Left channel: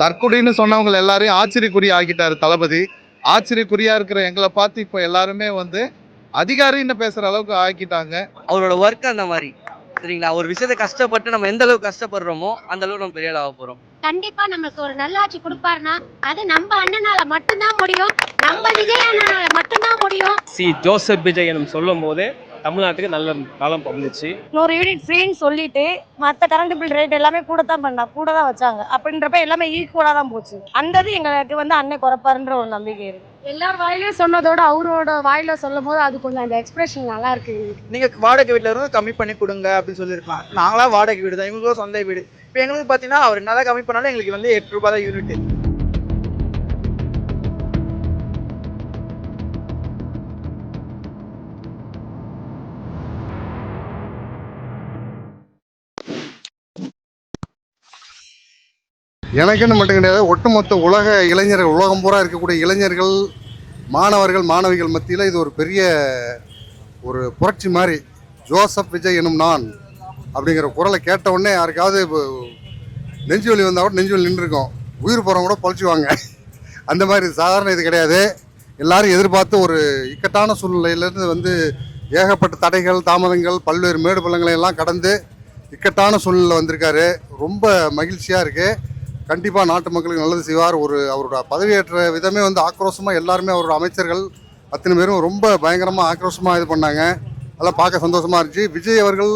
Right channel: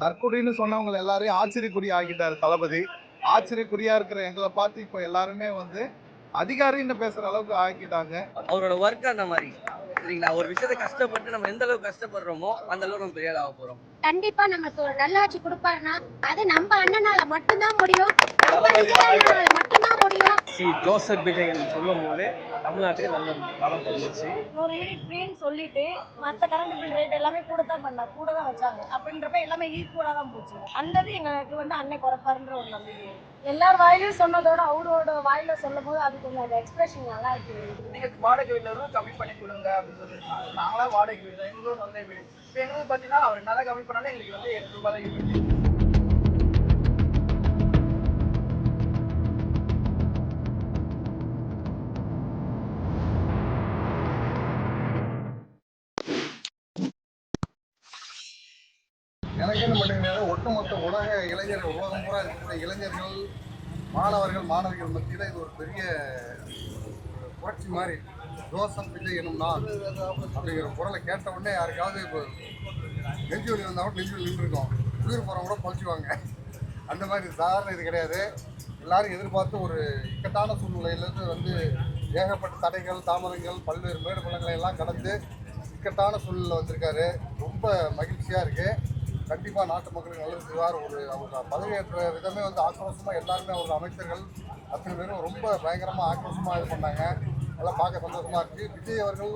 தற்குறின்னு சொன்னவங்க எல்லாரையும் ஆச்சரியக்குறி ஆக்கிட்டாரு தளபதி. ஆச்சரியக்குறியா இருக்கிற எங்களை பார்த்து இப்போ எல்லாருமே வந்து அதிகாரின்னு பேசுற அளவுக்கு ஆக்கிட்டாங்க. அவரோட ஒர்க் அந்த மாதிரி சரிங்களா. ஒரு விஷயத்தை கஷ்டப்பட்டு நம்ம எந்த அளவுக்கு கஷ்டப்படுறோமோ அந்த அளவுக்கு நம்ம பெரிய ஆள் ஆக போறோம். கண்டிப்பா நமக்கு ஒரு நல்லாட்சி கொடுப்பாருன்னா அது நம்ம அண்ணனால மட்டும்தான் முடியும், நம்ம விஜய் அண்ணனால மட்டும்தான் முடியும். ஜோசப் விஜய் சொல்லும் போது தமிழ்நாட்டுக்கு நல்ல நலம் பகிர்ந்துச்சு. இன்னொரு யூனிட் ஃப்ரீன்னு சொல்லிட்டு மற்ற கரண்ட் பில் ரேட் எல்லாமே கூட தான் வச்சாங்க. அப்படின்றப்ப எல்லாமே ஈக்குவலாக தான் போச்சு. அந்த எங்களுக்கு வந்து அண்ணன் குறைப்பாருன்ற ஒரு நம்பிக்கை இருக்கு. எல்லார் வாயிலையும் சொன்னதோட அவரோட வாயில சொல்லும் போது அது கொஞ்சம் அந்த எக்ஸ்பிரஷன் நல்லா இருக்கு. நீங்க வாடகை வீட்டுல இருந்து கம்மி பண்ணி கொடுங்க அப்படின்னு சொல்லியிருக்கலாம். நாங்களா வாடகை வீடு தான், இவங்களுக்கும் சொந்த வீடு. இப்போ எங்களுக்கு பார்த்தீங்கன்னா அவர் நல்லா கம்மி பண்ணாலும் எங்களுக்கு வந்து 8 ரூபாய் தான் யூனிட். எனக்குன்னு மட்டும் கிடையாது, ஒட்டுமொத்த உலக இளைஞர்கள், உலகம் பூரா இருக்கக்கூடிய இளைஞர்கள், மாணவர்கள், மாணவிகள் மத்தியில் இது ஒரு பெரிய ஒரு புரட்சி மாதிரி. ஜோசப் விஜய் எனும் நான் அப்படிங்கிற குரலை கேட்ட உடனே யாருக்காவது நெஞ்சு வலி வந்தால் கூட நெஞ்சு வலி நின்றுருக்கோம், உயிர் போகிறவங்க கூட பொழைச்சிவாங்க. அந்த மாதிரி சாதாரண இது கிடையாது. எல்லாரும் எதிர்பார்த்து ஒரு இக்கட்டான சூழ்நிலையிலேருந்து வந்து ஏகப்பட்ட தடைகள், தாமதங்கள், பல்வேறு மேடு பள்ளங்களை எல்லாம் கடந்து இக்கட்டான சூழ்நிலை வந்திருக்காரு. ரொம்ப மகிழ்ச்சியாக இருக்குது. கண்டிப்பாக நாட்டு மக்களுக்கு நல்லது செய்வார். அவரோட பதவியேற்ற விதமே வந்து ஆக்ரோஷமாக எல்லாருமே அவரோட அமைச்சர்கள் அத்தனை பேரும் ரொம்ப பயங்கரமாக ஆக்ரோஷமாக இது பண்ணாங்க. அதெல்லாம் பார்க்க சந்தோஷமாக இருந்துச்சு. விஜய் அவர்கள்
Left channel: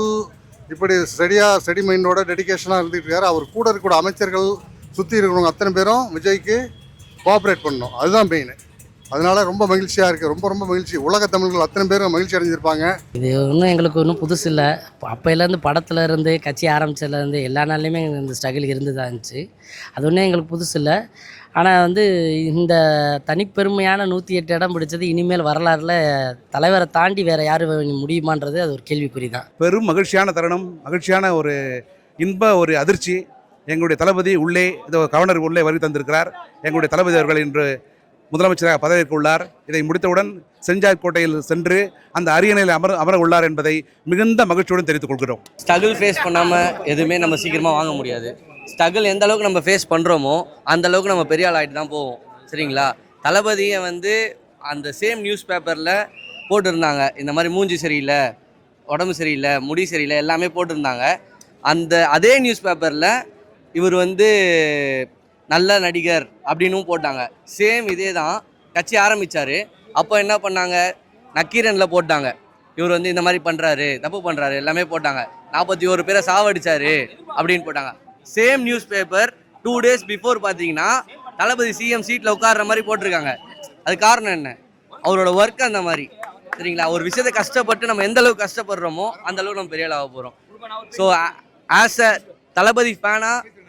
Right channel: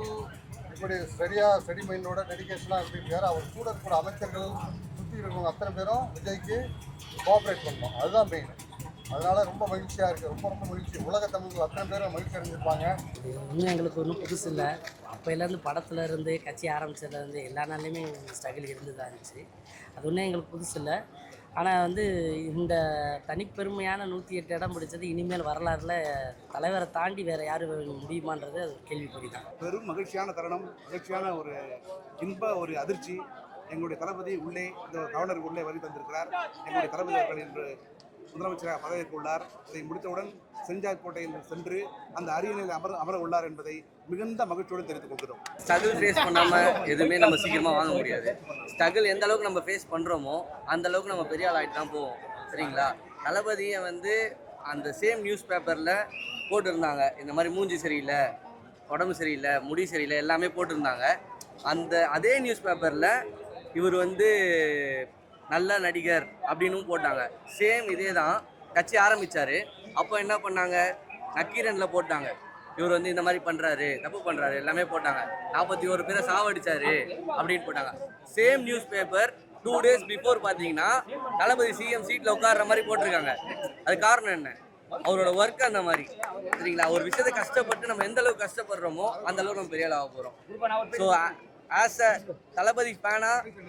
இப்படி ஸ்டடி மைண்டோட டெடிக்கேஷனாக இருந்துகிட்டு இருக்காரு. அவர் கூட இருக்கக்கூடிய அமைச்சர்கள், சுற்றி இருக்கிறவங்க அத்தனை பேரும் விஜய்க்கு கோஆப்ரேட் பண்ணணும், அதுதான் மெயின். அதனால ரொம்ப மகிழ்ச்சியாக இருக்குது. ரொம்ப ரொம்ப மகிழ்ச்சி. உலக தமிழர்கள் அத்தனை பேரும் மகிழ்ச்சி அடைஞ்சிருப்பாங்க. இது ஒன்றும் எங்களுக்கு ஒன்றும் புதுசு இல்லை. அப்போலேருந்து படத்தில் இருந்து கட்சி ஆரம்பித்ததுலேருந்து எல்லா நாள்லையுமே இந்த ஸ்ட்ரகிள் இருந்து தான் இருந்துச்சு. அது ஒன்றும் எங்களுக்கு புதுசு இல்லை. ஆனால் வந்து இந்த தனிப்பெருமையான 108 இடம் பிடிச்சது இனிமேல் வரலாறுல தலைவரை தாண்டி வேறு யார் முடியுமான்றது அது ஒரு கேள்விக்குறி தான். பெரும் மகிழ்ச்சியான தருணம், மகிழ்ச்சியான ஒரு ஒரு அதிர்ச்சி. எங்களுடைய தளபதி உள்ளே இந்த கவர்னர் உள்ளே வருகை தந்திருக்கிறார். எங்களுடைய தளபதி அவர்கள் இன்று முதலமைச்சராக பதவியேற்க உள்ளார். இதை முடித்தவுடன் செஞ்சாய் கோட்டையில் சென்று அந்த அரியணையில் அமர உள்ளார் என்பதை மிகுந்த மகிழ்ச்சியுடன் தெரிவித்துக் கொள்கிறோம். ஸ்ட்ரகிள் ஃபேஸ் பண்ணாமல் எதுவுமே நம்ம சீக்கிரமாக வாங்க முடியாது. ஸ்ட்ரகிள் எந்த அளவுக்கு நம்ம ஃபேஸ் பண்ணுறோமோ அந்த அளவுக்கு நம்ம பெரிய ஆள் ஆகிட்டு தான் போவோம் சரிங்களா. தளபதியை வந்து அந்த சேம் நியூஸ் பேப்பரில் போட்டிருந்தாங்க, இந்த மாதிரி மூஞ்சி சரியில்லை, உடம்பு சரியில்லை, முடி சரியில்லை, எல்லாமே போட்டிருந்தாங்க. அதே நியூஸ் பேப்பரில் இவர் வந்து நல்ல நடிகர் அப்படின்னும் போட்டாங்க. சேம் இதே தான் கட்சி ஆரம்பித்தார். அப்போ என்ன பண்ணாங்க, நக்கீரனில் போட்டாங்க இவர் வந்து இந்த மாதிரி பண்ணுறாரு, தப்பு பண்ணுறாரு, எல்லாமே போட்டாங்க. 41 பேரை சாவடிச்சாரு அப்படின்னு போட்டாங்க. Same news paper 2 days before பார்த்தீங்கன்னா தளபதி சிஎம் சீட்டில் உட்கார்ற மாதிரி போட்டிருக்காங்க. அது காரணம் என்ன, அவரோட ஒர்க் அந்த மாதிரி சரிங்களா. ஒரு விஷயத்தை கஷ்டப்பட்டு நம்ம எந்த அளவுக்கு கஷ்டப்படுறோமோ அந்த அளவுக்கு நம்ம பெரிய ஆள் ஆக போகிறோம். ஸோ ஆஸ் அ தளபதி ஃபேனாக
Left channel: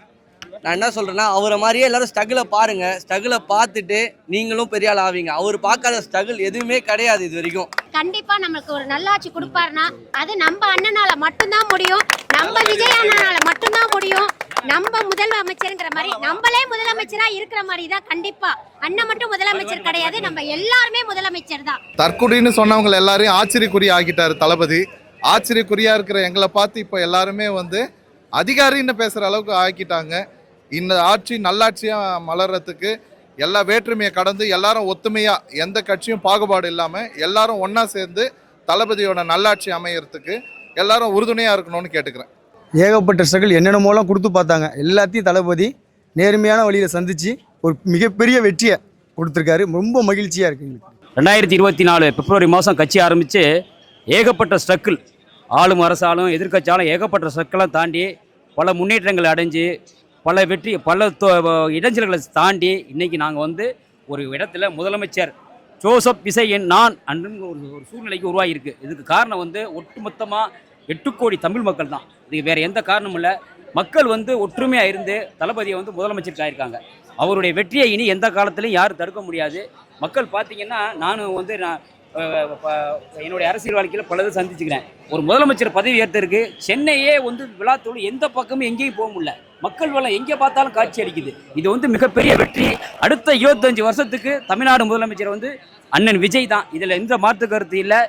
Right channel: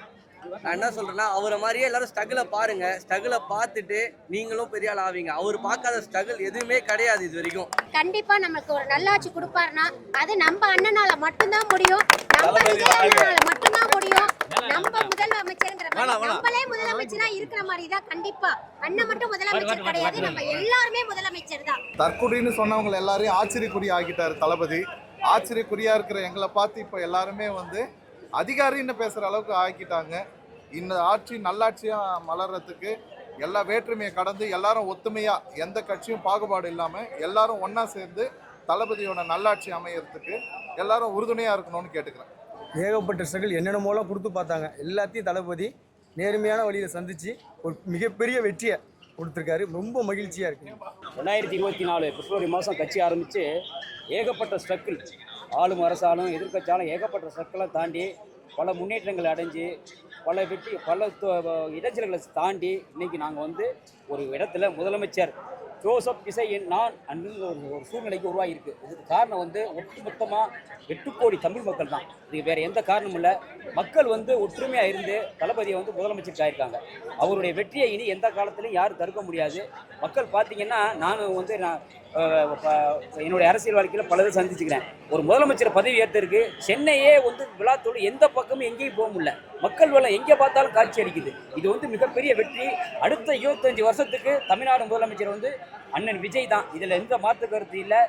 நான் என்ன சொல்கிறேன்னா, அவரை மாதிரியே எல்லாரும் ஸ்ட்ரகிளை பாருங்கள். ஸ்ட்ரகிளை பார்த்துட்டு நீங்களும் பெரிய ஆள் ஆவீங்க. அவர் பார்க்காத ஸ்ட்ரகிள் எதுவுமே கிடையாது இது வரைக்கும். கண்டிப்பா நமக்கு ஒரு நல்லாட்சி கொடுப்பாருன்னா அது நம்ம அண்ணனால மட்டும்தான் முடியும், நம்ம விஜய் அண்ணனால மட்டும்தான் முடியும். நம்ம முதலமைச்சர்ங்கிற மாதிரி நம்மளே முதலமைச்சரா இருக்கிற மாதிரி தான். கண்டிப்பா அண்ணன் மட்டும் முதலமைச்சர் கிடையாது, நம்ம எல்லாருமே முதலமைச்சர் தான். தற்குறின்னு சொன்னவங்க எல்லாரையும் ஆச்சரியக்குறி ஆக்கிட்டாரு தளபதி. ஆச்சரியக்குறியா இருக்கிற எங்களை பார்த்து இப்போ எல்லாருமே வந்து அதிகாரின்னு பேசுற அளவுக்கு ஆக்கிட்டாங்க. இந்த ஆட்சி நல்லாட்சியா மலர்றதுக்கு எல்லா வேற்றுமையை கடந்து எல்லாரும் ஒத்துமையா, எந்த கட்சியும் பாகுபாடு இல்லாம எல்லாரும் ஒன்னா சேர்ந்து தளபதியோட நல்லாட்சி அமையறதுக்கு எல்லாரும் உறுதுணையா இருக்கணும்னு கேட்டுக்கிறேன். ஏகப்பட்ட ஸ்ட்ரகிள் என்னென்னமோலாம் கொடுத்து பார்த்தாங்க. எல்லாத்தையும் தளபதி நேர்மையான வழியில் சந்தித்து ஒரு மிகப்பெரிய வெற்றியை கொடுத்துருக்காரு. ரொம்ப மகிழ்ச்சியாக இருக்குது. 2024 பிப்ரவரி மாதம் கட்சி ஆரம்பித்து ஏகப்பட்ட ஸ்ட்ரகிள், ஆளும் அரசாலும் எதிர்கட்சியாலும் ஏகப்பட்ட ஸ்ட்ரகிளெலாம் தாண்டி பல முன்னேற்றங்களை அடைஞ்சு பல இடைஞ்சல்களை தாண்டி இன்றைக்கி நாங்கள் வந்து ஒரு இடத்துல முதலமைச்சர் ஜோசப் விஜய் நான் அன்றுங்க ஒரு சூழ்நிலைக்கு உருவாகியிருக்கு. இதுக்கு காரணம் வந்து ஒட்டுமொத்தமாக 8 கோடி தமிழ் மக்கள் தான். இதுக்கு வேறு எந்த காரணமும் இல்லை. மக்கள் வந்து ஒற்றுமையாக இருந்து தளபதியை வந்து முதலமைச்சருக்கு ஆயிருக்காங்க. அவருடைய வெற்றியை இனி எந்த காலத்திலையும் யாரும் தடுக்க முடியாது. மக்கள் பார்த்திங்கன்னா நானும் வந்து என்னுடைய அரசியல் வாழ்க்கையில் பலதும் சந்திச்சுக்கிறேன். ஒரு முதலமைச்சர் பதவி ஏற்றிருக்கு, சென்னையே வந்து விழாத்தோடு எந்த பக்கமும் எங்கேயும் போக முடியல. மக்கள் வளம் எங்கே பார்த்தாலும் காட்சி அளிக்குது. இது வந்து மிகப்பெரிய வெற்றி. அடுத்த 25 வருஷத்துக்கு தமிழ்நாடு முதலமைச்சர் வந்து அண்ணன் விஜய் தான். இதில் எந்த மாற்று கருத்து இல்லை.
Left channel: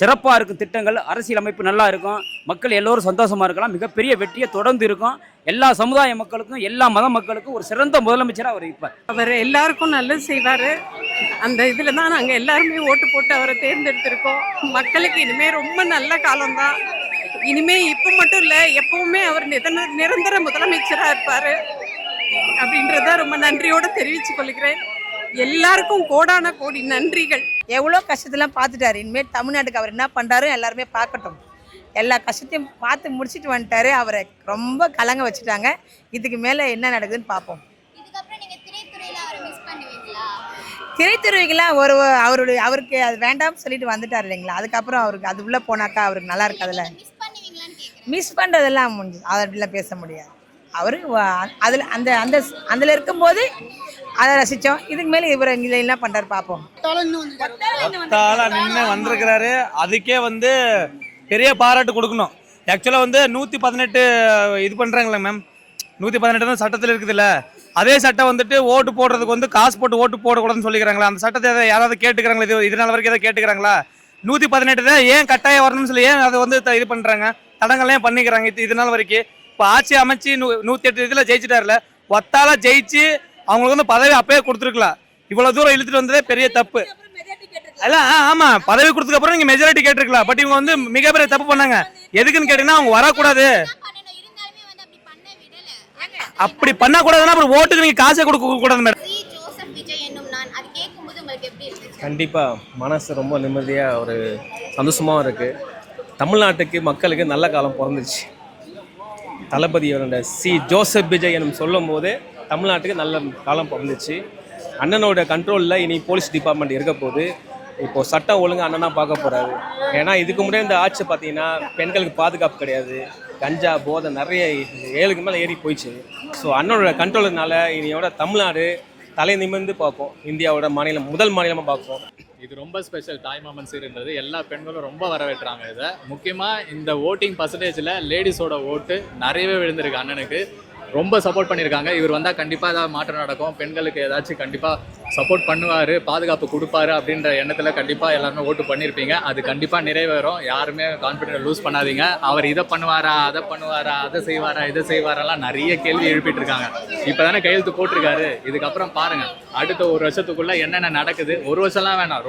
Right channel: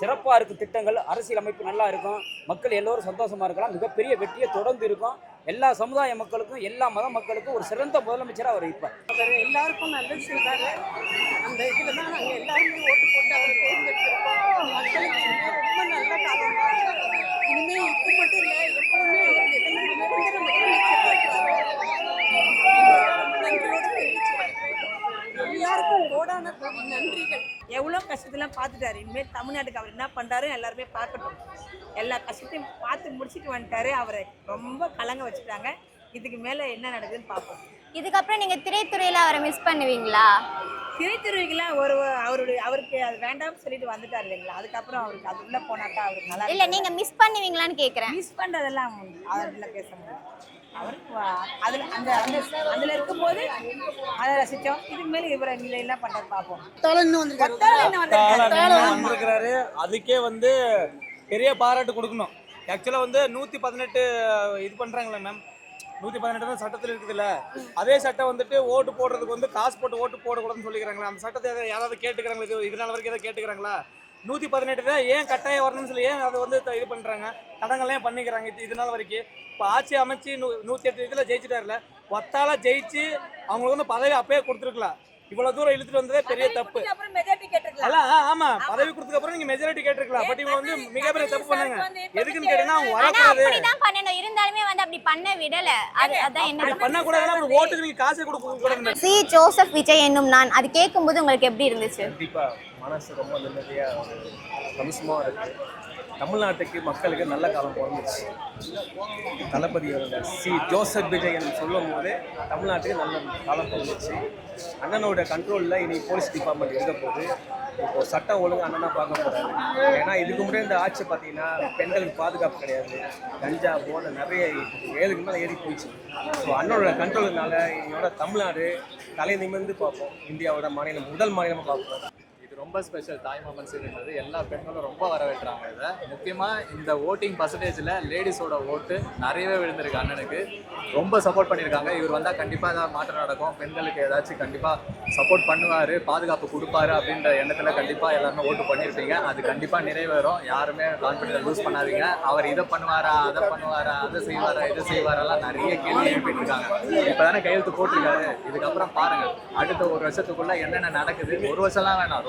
சிறப்பாக இருக்கும் திட்டங்கள், அரசியல் அமைப்பு நல்லா இருக்கும், மக்கள் எல்லோரும் சந்தோஷமாக இருக்கலாம். மிகப்பெரிய வெற்றியை தொடர்ந்து இருக்கும். எல்லா சமுதாய மக்களுக்கும் எல்லா மத மக்களுக்கும் ஒரு சிறந்த முதலமைச்சராக அவர் இருப்பார். அவர் எல்லாருக்கும் நல்லது செய்வார். அந்த இதில் தான் நாங்கள் எல்லாருமே ஓட்டு போட்டு அவரை தேர்ந்தெடுத்திருக்கோம். மக்களுக்கு இனிமேல் ரொம்ப நல்ல காலம்தான். இனிமேல் இப்போ மட்டும் இல்லை, எப்பவுமே அவர் நிரந்தர முதலமைச்சராக இருப்பார் அப்படின்றத ரொம்ப நன்றியோடு தெரிவித்துக் கொள்கிறேன். எல்லாருக்கும் கோடான கோடி நன்றிகள். எவ்வளோ கஷ்டத்தெல்லாம் பார்த்துட்டாரு. இனிமேல் தமிழ்நாட்டுக்கு அவர் என்ன பண்ணுறாரு எல்லாருமே பார்க்கட்டும். எல்லா கஷ்டத்தையும் பார்த்து முடிச்சுட்டு வந்துட்டாரு. அவரை ரொம்ப கலங்க வச்சுட்டாங்க. இதுக்கு மேலே என்ன நடக்குதுன்னு பார்ப்போம். இதுக்கப்புறம் நீங்க திரைத்துறையில அவரை மிஸ் பண்ணுவீங்களா? திரைத்துறைக்கெல்லாம் அவருக்கு அது வேண்டாம்னு சொல்லிட்டு வந்துட்டார் இல்லைங்களா. அதுக்கப்புறம் அவருக்கு அது உள்ள போனாக்கா அவருக்கு நல்லா இல்ல இருக்காது. நீங்க மிஸ் பண்ணுவீங்களான்னு கேக்குறேன். மிஸ் பண்ணுறதெல்லாம் முடிஞ்சு அதெல்லாம் பேச முடியாது. அவரு அதில் அதில் இருக்கும்போது அதை ரசித்தோம். இதுக்கு மேலே இவர் என்ன பண்ணுறாரு பார்ப்போம். வந்திருக்கிறாரு, அதுக்கே பெரிய பாராட்டு கொடுக்கணும். ஆக்சுவலாக 118 இது பண்ணுறாங்களே மேம், 118 தான் சட்டத்தில் இருக்குதுல்ல. அதே சட்டம் ஓட்டு போடுறதுக்கு காசு போட்டு ஓட்டு போடக்கூடாதுன்னு சொல்லிக்கிறாங்களா? அந்த சட்டத்தை யாராவது கேட்டுக்கிறாங்களா? இதனால வரைக்கும் எதாவது கேட்டுக்கிறாங்களா? 118 தான் ஏன் கட்டாயம் வரணும்னு சொல்லி ஏன் அதை இது பண்ணுறாங்க, தடங்கள்லாம் பண்ணிக்கிறாங்க இதனால வரைக்கும். இப்போ ஆட்சி அமைச்சு 108 இதில் ஜெயிச்சிட்டாருல, ஒத்தால ஜெயிச்சு அவங்களுக்கு பதவி அப்பயே கொடுத்துருக்கலாம். இவ்வளவு தூரம் இழுத்துட்டு வந்ததே பெரிய தப்பு. ஆமா, பதவி கொடுத்ததுக்கு அப்புறம் நீங்க மெஜாரிட்டி கேட்டிருக்கலாம். பட் இவங்க மிகப்பெரிய தப்பு பண்ணாங்க. எதுக்குன்னு கேட்டீங்கன்னா அவங்க வரக்கூடாது. அப்படி பண்ண கூடாதுன்னா அப்புறம் ஓட்டுக்கு நீங்க காசை கொடுக்க கூடாது மேடம். சி ஜோசப் விஜய் என்னும் நான் அது கேட்கும்போது உங்களுக்கு எப்படி இருந்துச்சு? கண்டிப்பா மனசு ரொம்ப நிம்மதியா ஒரு சந்தோஷமா இருக்கு. தமிழ்நாட்டுக்கு மக்களுக்கு நல்ல காலம் பிறந்துச்சு. தளபதியோட சி ஜோசப் விஜய் என்னும் சொல்லும் போது தமிழ்நாட்டுக்கு நல்ல காலம் பிறந்துச்சு. அண்ணனோட கண்ட்ரோலில் இனி போலீஸ் டிபார்ட்மெண்ட் இருக்க போது. இப்போது சட்டம் ஒழுங்கு அண்ணனா பார்க்க போகிறாரு. ஏன்னா இதுக்கு முன்னாடி இந்த ஆட்சி பார்த்தீங்கன்னா பெண்களுக்கு பாதுகாப்பு கிடையாது, கஞ்சா போதை நிறைய 7க்கு மேலே ஏறி போயிடுச்சு. ஸோ அண்ணனோட கண்ட்ரோலுனால இனியோட தமிழ்நாடு தலை நிமிர்ந்து பார்ப்போம். இந்தியாவோட முதல் மாநிலமாக பார்ப்போம். இது ரொம்ப ஸ்பெஷல். தாய்மாமன் சீருன்றது எல்லா பெண்களும் ரொம்ப வரவேற்றாங்க. இதை முக்கியமாக இந்த ஓட்டிங் பர்சன்டேஜில் லேடிஸோட ஓட்டு நிறையவே விழுந்திருக்கு. அண்ணனுக்கு ரொம்ப சப்போர்ட் பண்ணியிருக்காங்க. இவர் வந்தால் கண்டிப்பாக ஏதாவது மாற்றம் நடக்கும், பெண்களுக்கு ஏதாச்சும் கண்டிப்பாக சப்போர்ட் பண்ணுவார், பாதுகாப்பு கொடுப்பாரு அப்படின்ற எண்ணத்தில் கண்டிப்பாக எல்லாருமே ஓட்டு பண்ணியிருப்பீங்க. அது கண்டிப்பாக நிறைவேறும். யாருமே கான்ஃபிடென்ட் லூஸ் பண்ணாதீங்க. அவர் இதை பண்ணுவாரா, அதை பண்ணுவாரா, அதை செய்வாரா, இதை செய்வாரெல்லாம் நிறைய கேள்வி எழுப்பிட்டு இருக்காங்க. இப்போ தானே கையெழுத்து போட்டிருக்காரு. இதுக்கப்புறம் பாருங்கள் அடுத்த ஒரு வருஷத்துக்குள்ளே என்னென்ன நடக்குது. ஒரு வருஷம்லாம் வேணாம்,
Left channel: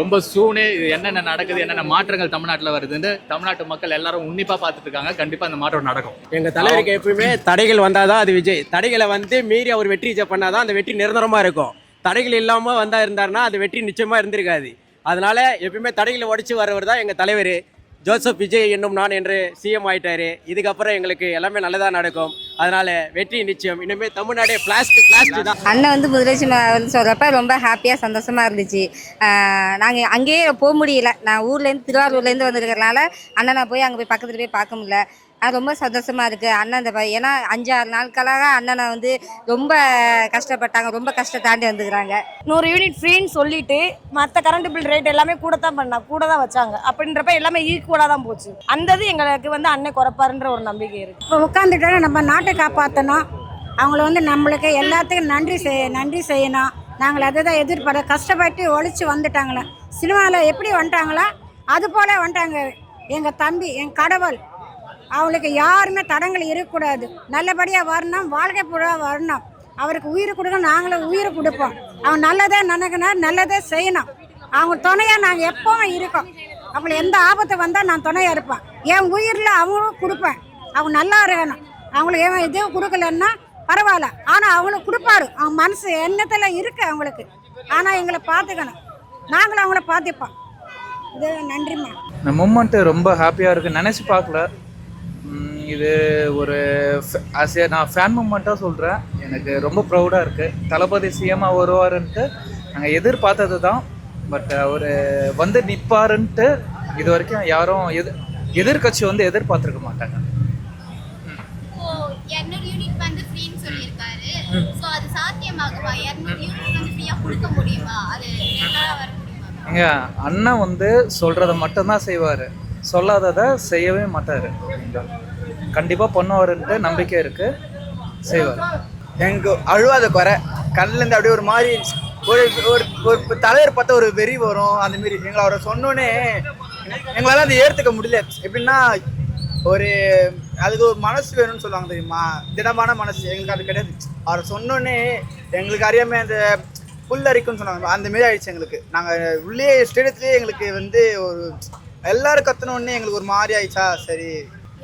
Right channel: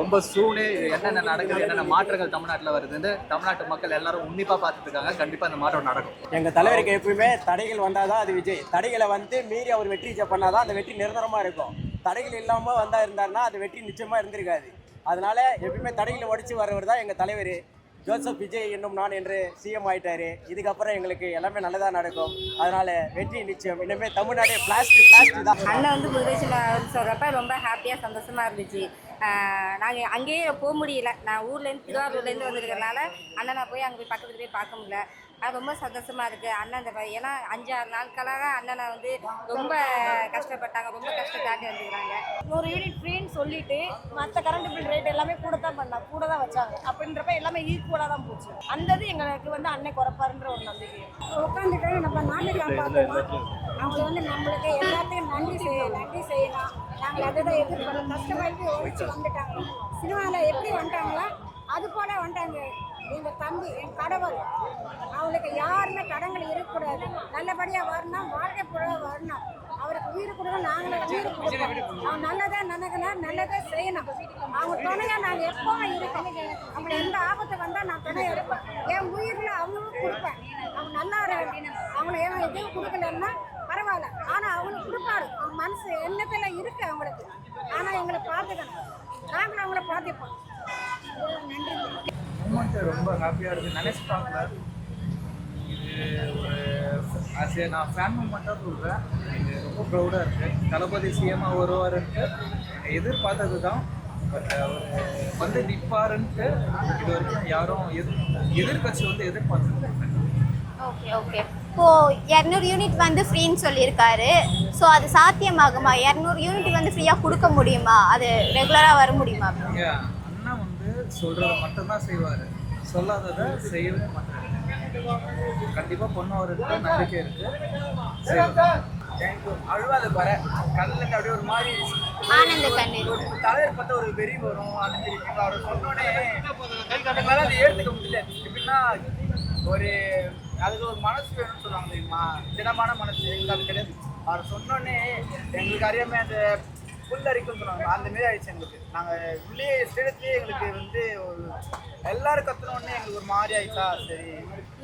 ரொம்ப சூனே இது என்னென்ன நடக்குது, என்னென்ன மாற்றங்கள் தமிழ்நாட்டில் வருதுன்னு தமிழ்நாட்டு மக்கள் எல்லாரும் உன்னிப்பாக பார்த்துட்டு இருக்காங்க. கண்டிப்பாக அந்த மாற்றம் நடக்கும். எங்கள் தலைவருக்கு எப்பவுமே தடைகள் வந்தாதான் அது விஜய். தடைகளை மீறி அவர் வெற்றி பண்ணாதான் அந்த வெற்றி நிரந்தரமாக இருக்கும். தடைகள் இல்லாமல் இருந்தாருன்னா அது வெற்றி நிச்சயமாக இருந்திருக்காது. அதனால எப்பயுமே தடைகளை உடைச்சு வரவர் தான் எங்கள் தலைவர் ஜோசப் விஜய் என்னும் நான் என்று சிஎம் ஆயிட்டாரு. இதுக்கப்புறம் எங்களுக்கு எல்லாமே நல்லதாக நடக்கும். அதனால வெற்றி நிச்சயம். இனிமேல் தமிழ்நாடே பிளாஸ்டிக் தான். அண்ணன் முதலமைச்சர் சொல்கிறப்ப ரொம்ப ஹாப்பியாக சந்தோஷமாக இருந்துச்சு. நாங்கள் அங்கேயே போக முடியல. நான் ஊர்லேருந்து திருவாரூர்லேருந்து வந்திருக்கிறதுனால அண்ணனை போய் அங்கே போய் பக்கத்தில் போய் பார்க்க முடியல. அது ரொம்ப சந்தோஷமாக இருக்குது. அண்ணன் ஏன்னா 5-6 நாட்களாக அண்ணனை ரொம்ப கஷ்டப்பட்டாங்க. ரொம்ப கஷ்டம் தாண்டி வந்துக்கிறாங்க. 100 யூனிட் ஃப்ரீன்னு சொல்லிட்டு மற்ற கரண்ட் பில் ரேட் எல்லாமே கூட தான் வச்சாங்க. அப்படின்றப்ப எல்லாமே ஈக்குவலாக தான் போச்சு. அந்த இது எங்களுக்கு அண்ணன் குறைப்பாருன்ற ஒரு நம்பிக்கை இருக்குது. இப்போ உட்காந்துட்டோன்னா நம்ம நாட்டை காப்பாற்றணும். அவங்கள நம்மளுக்கு எல்லாத்துக்கும் நன்றி செய்யணும். நாங்கள் அதை தான் எதிர்பார்க்க கஷ்டப்பட்டு ஒழிச்சு வந்துட்டாங்களே. சினிமாவில் எப்படி வந்துட்டாங்களோ அது போல் வந்துட்டாங்க. எங்கள் தம்பி, என் கடவுள், அவளுக்கு யாருமே தடங்கள் இருக்கக்கூடாது. நல்லபடியாக வரணும், வாழ்க்கை பூரா வரணும். அவருக்கு உயிர் கொடுக்க நாங்களும் உயிர் கொடுப்போம். அவன் நல்லதே நினைக்கணும், நல்லதே செய்யணும். அவங்க துணையாக நாங்கள் எப்பவும் இருக்கோம். அவங்களுக்கு எந்த ஆபத்து வந்தால் நான் துணையாக இருப்பேன். என் உயிரில் அவங்களும் கொடுப்பேன். அவங்க நல்லா இருக்கணும். அவங்களுக்கு ஏன் எதுவும் கொடுக்கலன்னா பரவாயில்ல, ஆனால் அவங்களுக்கு கொடுப்பாரு. அவங்க மனசு எண்ணத்தில் இருக்கு அவங்களுக்கு. ஆனால் எங்களை பார்த்துக்கணும், நாங்களும் அவங்கள பார்த்துப்போம். இது நன்றிம்மா. இந்த மூமெண்ட்டு ரொம்ப ஹாப்பியாக இருக்குது. நினச்சி பார்க்கல. இது ஒரு நான் ஃபேன் மூமெண்ட்டாக சொல்கிறேன். எனக்கு ரொம்ப ப்ரௌடாக இருக்குது. தளபதி சிஎம்மாக வருவாருன்ட்டு நாங்கள் எதிர்பார்த்தது தான். பட் அவர் நிற்பாருன்ட்டு இது வரைக்கும் யாரும் எதிர்கட்சி எதிர்பார்த்துருக்க மாட்டாங்க. ஓகே இப்போ 200 யூனிட் ஃப்ரீன்னு சொல்லியிருக்காரு. ஸோ அது சாத்தியமாகுமா? 200 யூனிட் ஃப்ரீயாக கொடுக்க முடியுமா? அது ரெகுலராக வர முடியுமா? அண்ணன் சொல்கிறத மட்டும்தான் செய்வார், சொல்லாததை செய்யவே மாட்டார். கண்டிப்பாக பண்ணுவாருன்ட்டு நம்பிக்கை இருக்குது, செய்வார். எனக்கு அழுவாத குறை கண்ணிலேருந்து அப்படியே ஒரு மாதிரி ஒரு தலைவர் பார்த்தா ஒரு வெறி வரும். அந்த மாரி எங்களை அவரை சொன்னோன்னே எங்களால் அதை ஏற்றுக்க முடியல. எப்படின்னா ஒரு அதுக்கு ஒரு மனசு வேணும்னு சொல்லுவாங்க தெரியுமா, திடமான மனசு. எங்களுக்கு அது கிடையாது. அவர் சொன்னோன்னே எங்களுக்கு அறியாமல் அந்த புல்லரிக்குன்னு சொன்னாங்க, அந்த மாரி ஆயிடுச்சு எங்களுக்கு. நாங்கள் உள்ளே ஸ்டேடியத்துலேயே எங்களுக்கு வந்து ஒரு எல்லாரும் கத்தனோடனே எங்களுக்கு ஒரு மாதிரி ஆயிடுச்சா. சரி,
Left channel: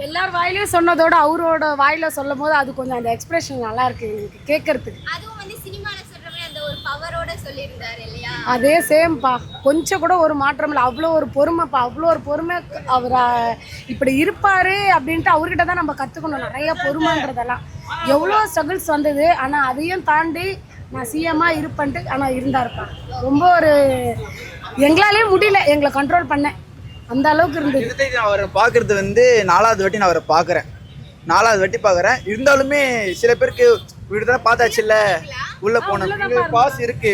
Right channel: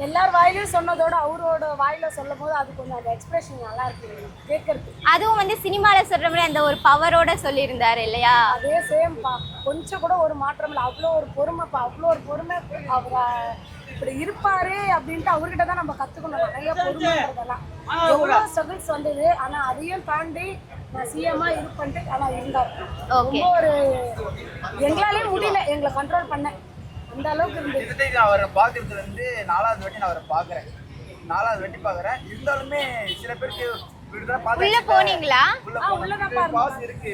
எல்லார் வாயிலையும் சொன்னதோட அவரோட வாயில சொல்லும் போது அது கொஞ்சம் அந்த எக்ஸ்பிரஷன் நல்லா இருக்கு எங்களுக்கு கேட்கறதுக்கு. அதுவும் வந்து சினிமால சொல்ற மாதிரி அந்த ஒரு பவரோட சொல்லியிருந்தாரு இல்லையா? அதே சேம்பா, கொஞ்சம் கூட ஒரு மாற்றம் இல்லை. அவ்வளோ ஒரு பொறுமைப்பா, அவ்வளோ ஒரு பொறுமை. அவர் இப்படி இருப்பாரு அப்படின்ட்டு அவர்கிட்ட தான் நம்ம கற்றுக்கணும் நிறைய பொறுமைன்றதெல்லாம். எவ்வளோ ஸ்ட்ரகிள்ஸ் வந்தது, ஆனால் அதையும் தாண்டி நான் சிஎம்மா இருப்பேன்ட்டு ஆனால் இருந்தாருப்பா. ரொம்ப ஒரு எங்களாலே முடியல எங்களை கண்ட்ரோல் பண்ணேன், அந்த அளவுக்கு இருந்தது. அவரை பார்க்கறது வந்து 4வது வாட்டி நான் அவரை பார்க்குறேன். 4வது வாட்டி பார்க்குறேன். இருந்தாலுமே சில பேருக்கு வீடு தான் பார்த்தாச்சு இல்லை, உள்ள போனோம். பாஸ் இருக்கு,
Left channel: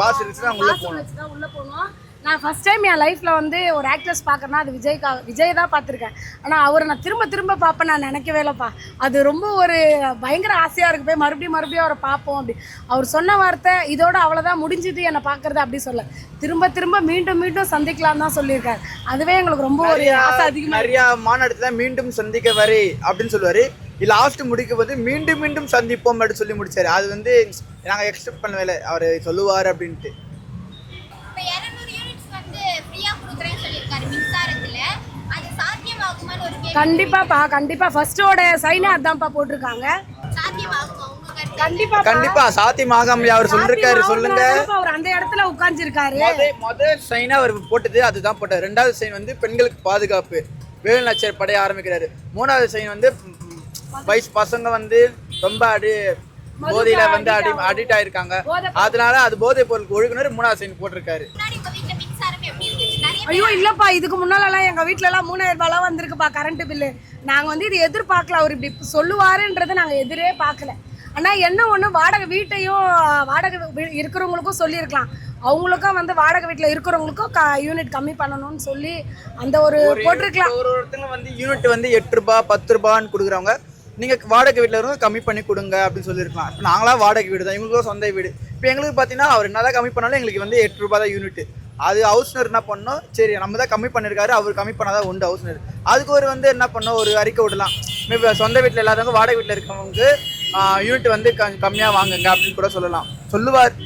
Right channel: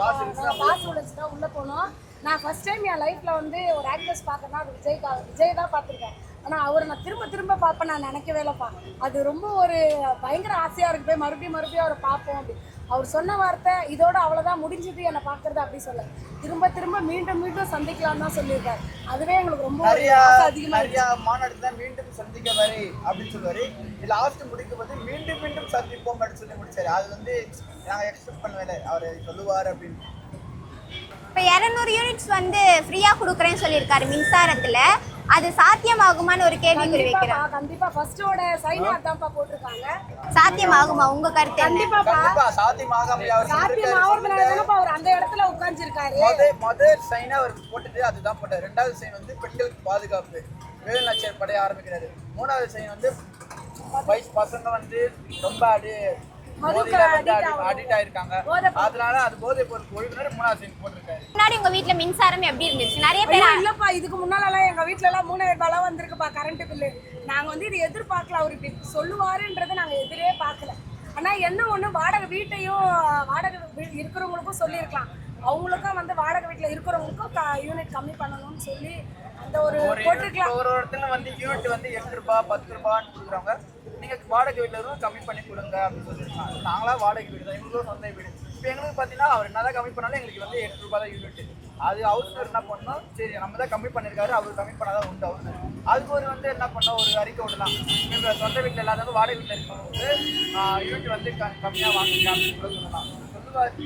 பாஸ் இருந்துச்சுன்னா உள்ள போனோம். நான் ஃபர்ஸ்ட் டைம் என் லைஃப்பில் வந்து ஒரு ஆக்ட்ரஸ் பார்க்குறேன்னா அது விஜய் தான் பார்த்துருக்கேன். ஆனால் அவரை நான் திரும்ப பார்ப்பேன் நான் நினைக்கவே இல்லைப்பா. அது ரொம்ப ஒரு பயங்கர ஆசையாக இருக்கு, போய் மறுபடியும் அவரை பார்ப்போம் அப்படி. அவர் சொன்ன வார்த்தை இதோட அவ்வளோதான் முடிஞ்சுது என்னை பார்க்குறது அப்படி சொல்ல, திரும்ப மீண்டும் சந்திக்கலாம் தான் சொல்லியிருக்காரு. அதுவே எங்களுக்கு ரொம்ப ஒரு ஆசை அதிகமாக. நிறையா மாநாடுல மீண்டும் சந்திக்க வரை அப்படின்னு சொல்லுவார். லாஸ்ட் முடிக்கும் போது மீண்டும் சந்திப்போம் அப்படின்னு சொல்லி முடிச்சாரு. அது வந்து நாங்கள் எக்ஸ்பெக்ட் பண்ணவே இல்லை அவர் சொல்லுவார் அப்படின்ட்டு. இப்போ 200 யூனிட்ஸ் வந்து ஃப்ரீயா கொடுக்குறேன்னு சொல்லியிருக்காரு மின்சாரத்துல. அது சாத்தியமாகுமான்னு ஒரு கேள்வி. கண்டிப்பா ஃபர்ஸ்டோட சைனே அதான்ப்பா போட்டிருக்காங்க. சாத்தியமாகுமா உங்க கருத்து? கண்டிப்பா சாத்தியமாகாம அவர் சொல்லிருக்காரு. சொல்லுங்க. அவர் அந்த இடத்துல உட்கார்ந்திருக்காரு. முதல் சைன் அவர் போட்டது அதுதான் போட்டார். 2வது சைன் வந்து பெண்களுக்கு பாதுகாப்பு, வேலு நாச்சியார் படைய ஆரம்பிக்கிறாரு. 3வது சைன் வந்து வயசு பசங்க வந்து ரொம்ப போதையில வந்து அடிக்ட் ஆயிருக்காங்க, அதனால அது போதை பொருளுக்கு ஒழுங்குனர் 3வது சைன் போட்டிருக்காரு. முன்னாடி உங்க வீட்ல மின்சாரம் எப்படி இருந்துச்சு? நிறைய பேர் இல்லப்பா, இதுக்கு முன்னாலலாம் எங்க வீட்ல எல்லாம் 3000 ரூபாய் வந்திருக்குப்பா கரண்ட் பில்லு. நாங்க வந்து இது எதிர்பார்க்கல, அவர் இப்படி சொல்லுவாருன்றது நாங்க எதிரே பார்க்கல. ஆனா என்ன ஒண்ணு, வாடகை வீட்டையும் வாடகை இருக்கிறவங்களுக்கும் சொல்லியிருக்கலாம், அவங்களுக்கும் வந்து வாடகை வீட்டில் இருக்கிறவங்களுக்கும் யூனிட் கம்மி பண்ணணும்னு சொல்லி அந்த ஒரு போட்டிருக்கலாம். ஒரு ஒருத்தங்க வந்து யூனிட் வந்து 8 ரூபாய் 10 ரூபான்னு கொடுக்குறவங்க, நீங்கள் வாடகை வீட்டில் இருந்து கம்மி பண்ணி கொடுங்க அப்படின்னு சொல்லியிருக்கலாம். இப்போ நாங்களாம் வாடகை வீடு தான், எங்களுக்கும் சொந்த வீடு. இப்போ எங்களுக்கு பார்த்தீங்கன்னா அவர் என்ன தான் கம்மி பண்ணாலும் எங்களுக்கு வந்து 8 ரூபாய் தான் யூனிட். அது ஹவுஸ்னர் என்ன பண்ணோம், சரி நம்ம தான் கம்மி பண்ணியிருக்காரு, அவர் கம்மி பண்ணாதான் உண்டு ஹவுஸ்னர். அதுக்கு ஒரு வந்து என்ன பண்ணோம், ஒரு அறிக்கை விடலாம். இப்போ சொந்த வீட்டில் இல்லாதவங்க வாடகை வீட்டில் இருக்கவங்களுக்கு யூனிட் வந்து கம்மியாக வாங்குங்க அப்படின்னு கூட சொல்லலாம், சொல்லுவார்.